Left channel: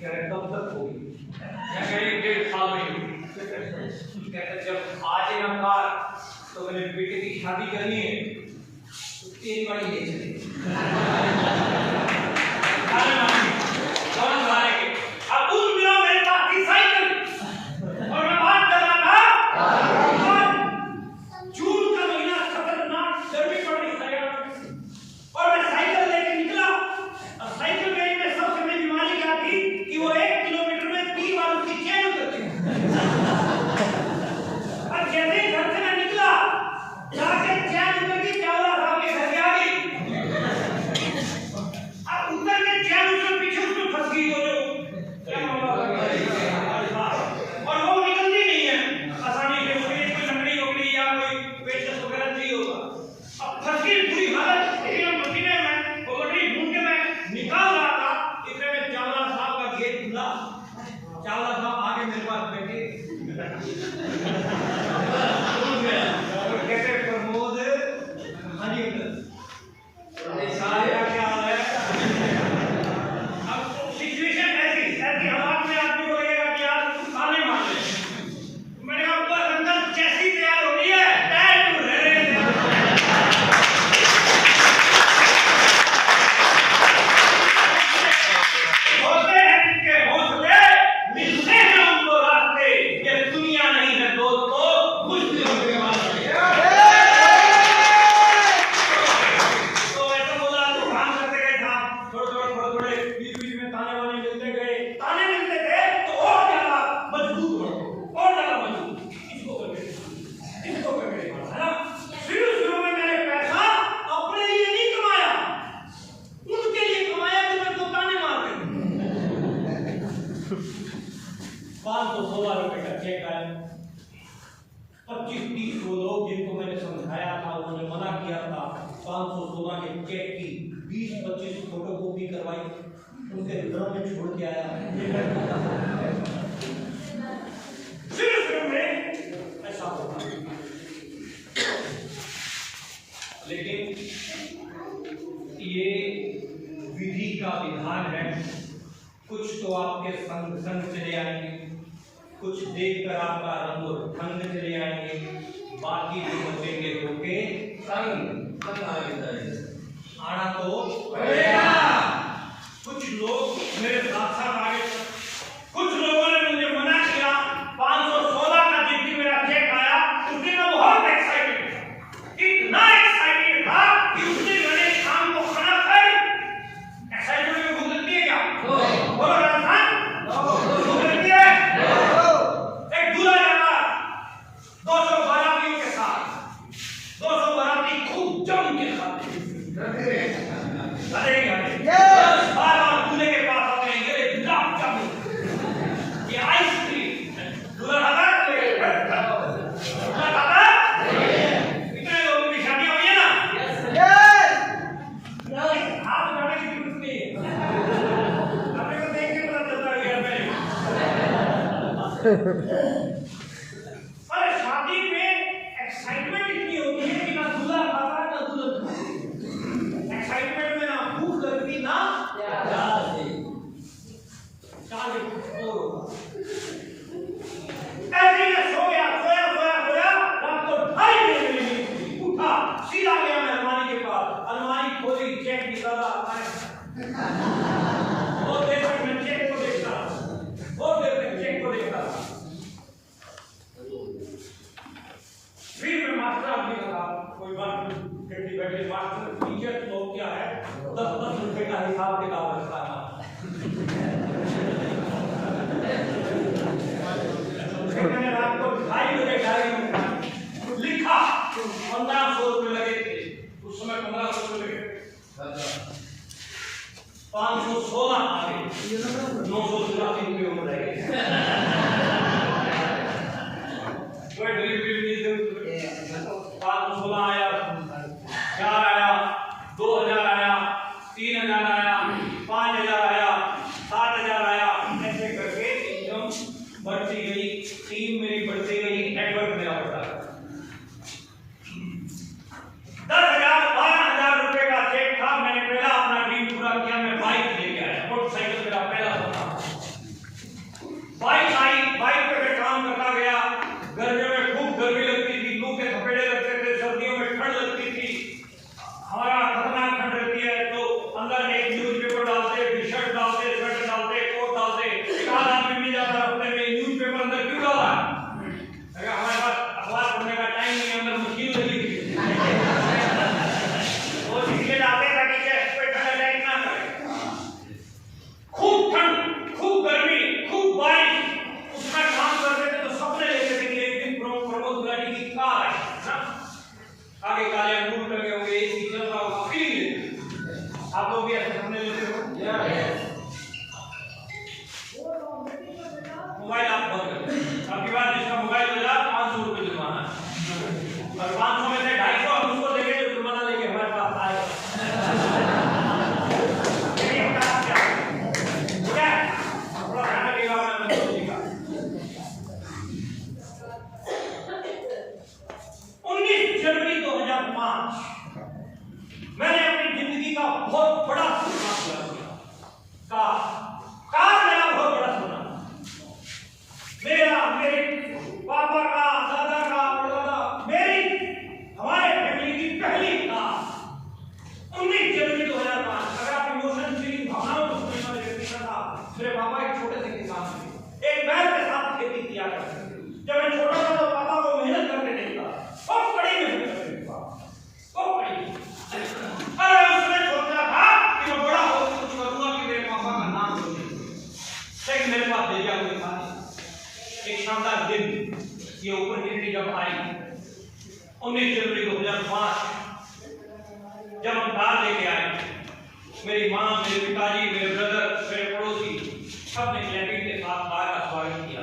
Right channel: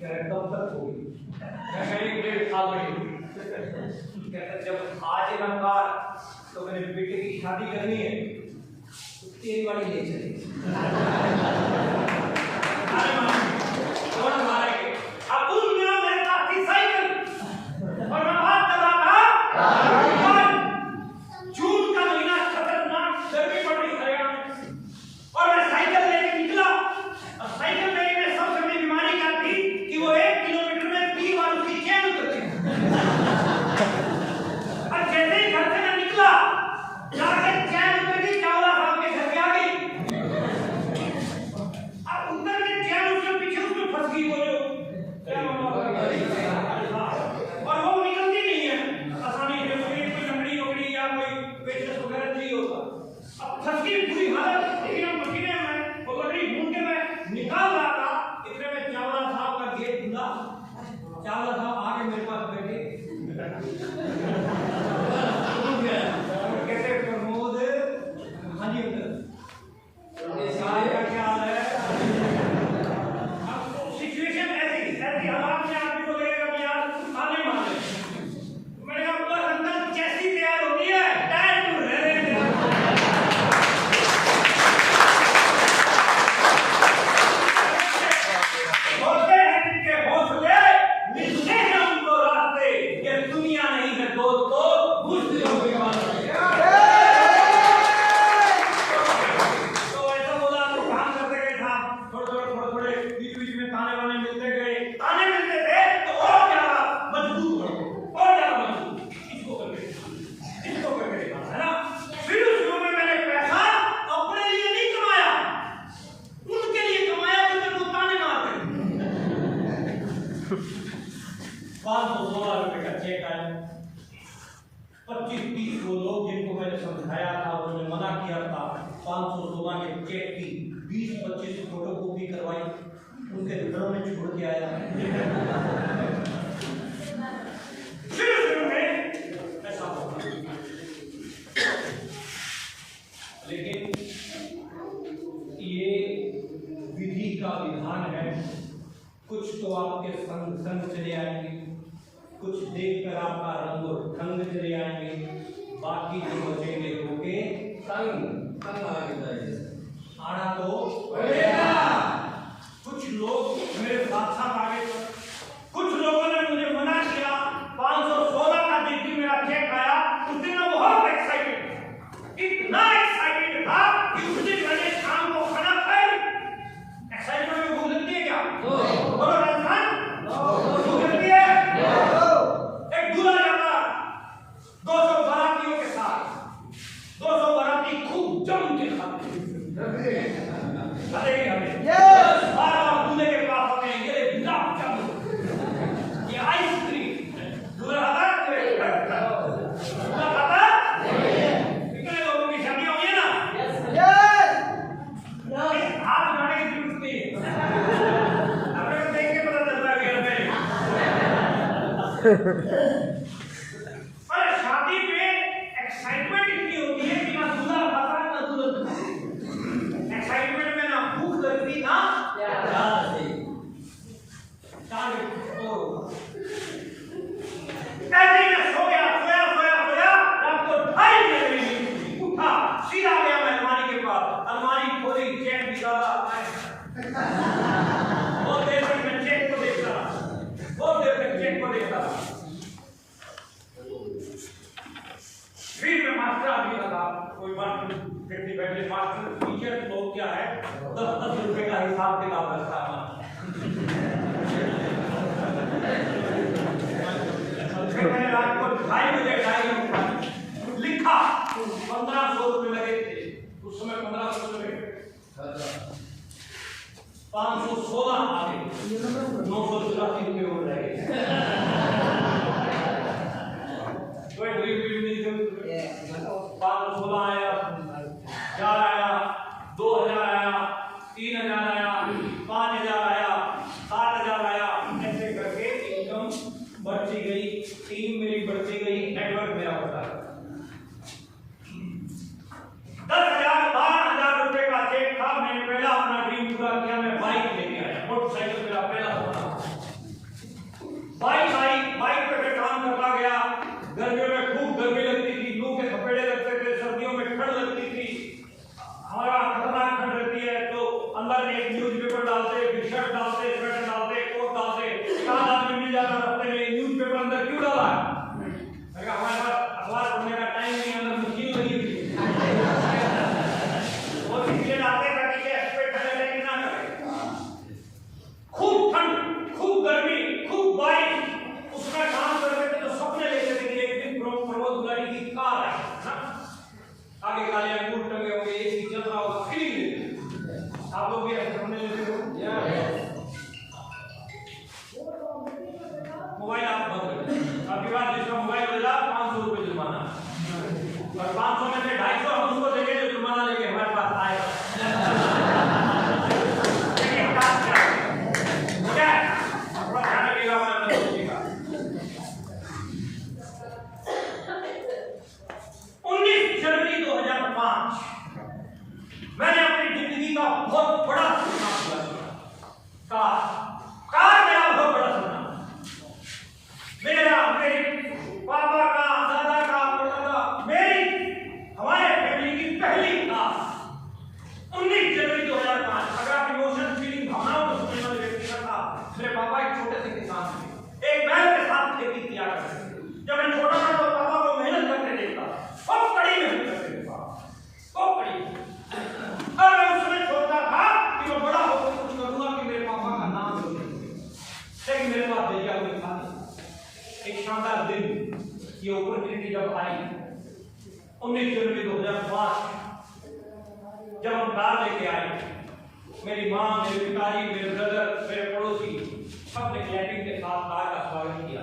कह रहे कब तक होगी? मैं कह रही 1.5 साल में। कहते जब आज ना कार तो मेरे बेटे की शादी करनी है तो तेरी वाली ले चले। अब उस दिनों मेरे पास थी साइकिल और मैं बात कर रहा था। जून का महीना खतरनाक गर्मी पड़ रही हरियाणा और मैं साइकिल लेके निकला और साइकिल में सबसे बड़ी बीमारी क्या थी कि वो 1 किलोमीटर में 3 बार उसकी चेन उतरती और जैसे ही घर से मैं निकला जाके चेन उतर के चावला साहब के घर आ गई। अब उतर के चेन उसके पीछे उसमें फंस गई वो जो क्या और वो निकलती नहीं है आसानी से। उसके इसकी लकड़ी वकड़ी या कोई पेचकस वगैरह चाहिए होगा। अब फंस गई बुरी हालत। एकदम मशीने में वो लकड़ी ढूंढ के मैं निकाल रहा था इतने में चावला साहब का गेट खुला। चावला साहब आके मेरे पास बैठे कहते प्रमोद, हाँ जी अंकल क्या हाल है? अब सिचुएशन ऐसी हालात में आदमी को लगेगा कि यार ताने मार रहे हैं। मैंने कहा बस अंकल जैसी तैयार हो रही है टाइम टू रह रहे हैं। होते हैं जिनके हौसले मिलते हैं उनको रास्ते। ये दुनिया नहीं है दोस्तों, मुश्किलों के बाद तो ऐसा बोला तो काम करते गए था। थोड़े बीच में ताने वाने मिलते गए। ताने मिलते थे तो और ज्यादा मजबूत हो और ज्यादा मजबूत इसको करके है ना। शुरू में मैंने पैसा अपने लिए नहीं कमाया, उनके लिए कमाया जो मेरे को ताने मारते। 516 रुपए का चेक आया। 25-30 वो लोग जिनको मैंने समझाया था उन्होंने मना किया था। 516 के चेक की 20-25 फोटोकॉपी करवाई, उनके घरों में छोड़ के आया। शुरू में ऐसा होता, लेकिन ये विधि का विधान है। कुछ तो आपके संग चले आएंगे, कुछ देखकर आपका रंग और ढंग चले आएंगे, बाकी जो बचेंगे होके संग आना तो पड़ेगा। कुछ लोग मेरे साथ साथ आगे, कुछ लोगों ने मुझे मना किया। 516 का जिस दिन मेरा चेक आया उस दिन मैं बहुत एक्साइटेड, इतना एक्साइटेड था कि उस दिन मैंने शाम को खाना खाई। एक्साइटमेंट में भूख लगती है क्या? बोलो राजस्थान, भूख लगती है। एक दूल्हा जाता 200 बारातियों के साथ, 200 बाराती खूब जम के खाते बार दूल्हे के पास आते हैं। ये गुलाब जामुन, ये आइसक्रीम दूल्हा खाता इतने लोगों की शादियां हुई है ना। हाथ उठाने की जरूरत नहीं है, अपने को देख के पता चलता है। पर शादी में एक्साइटमेंट इतनी होती है कि ना दूल्हा खाता है ना दुल्हन खाती। एक्साइटमेंट में ना भूख लगती ना ऐसे ही सो गया रात को 2:30 बजे उठा, सीधा गया मैं अलमारी के पास। अलमारी खोली, चेक निकाला। बहुत देर तक मैं चेक को देख रहा, फिर मैं मास्टर आदमी लगा। कोई बात नहीं, बैठे मास्टर टीचर लोग क्या है 10-10 रुपए का हिसाब किताब रखता है। मैंने रात को 2:30 बजे डायरी लिखा। 1500 रुपए लगे थे उस समय, 1500 रुपए लगे। 516 आ गए, 984 रुपए हो रहे। कोई गरीब भी नहीं थे। 516 आया, 4 आया, 2000 आया, 3000 आया, 5000 आया, 7000 आया। ऐसे करके इनकम बढ़ती गई, टीम मेरी बढ़ती गई, नेटवर्क मेरा बढ़ता गया। 10,000 12,000 रुपए का चेक था। मैंने पहला अपना ड्रीम पूरा किया। मैं बाइक लेके आया, मोटरसाइकिल मेरा पहला सपना। मेरे पापा एक छोटे से किसान थे, एक बैल के साथ खेती किया करते थे। जब मैं छोटा था तो पापा को मेहनत करके देखता, बहुत कड़ी मेहनत करते थे पापा, बहुत कड़ी। और मैं उसमें सोचता था कि मैं बड़ा होकर कुछ करूंगा कि मेरे पापा का नाम रोशन हो। लेकिन मेरे पास भेजा कोई था नहीं। एक शानदार दिन ये अपॉर्चुनिटी जब आई 19 जनवरी 2005, जब हम कार लेके आए, मेरी माँ, मेरे पिताजी, मेरे ब्रदर, मेरे पड़ोसी सबने क्लैपिंग के साथ कार का स्वागत किया।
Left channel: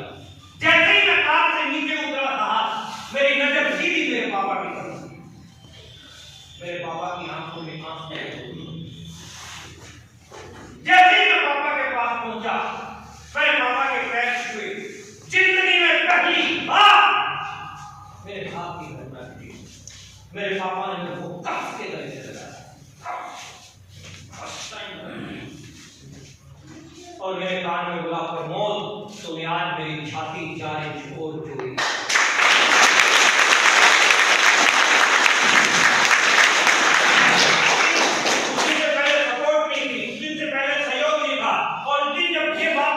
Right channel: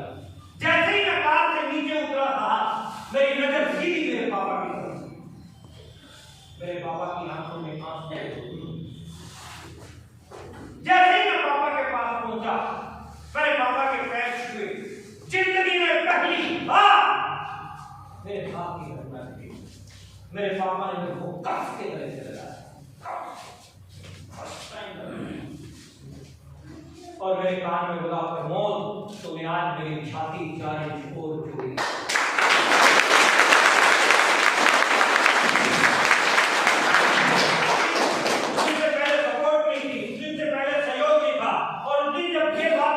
जैसे ही मैं कार से नीचे उतरा था, मेरी नजर सीधी मेरे पापा की तरफ थी। मेरे पापा की आंखों में आंसू थे। जैसे ही मैं पापा के पास पहुंचा, मेरे पापा के पैर छुए। जिंदगी में पहली बार मेरे हाथ की घटना थी। मेरे पापा ने मेरे को कस के गले से लगाया और मेरे कान में बोला, प्रमोद, तूने आज मेरी छाती 4 इंच छोड़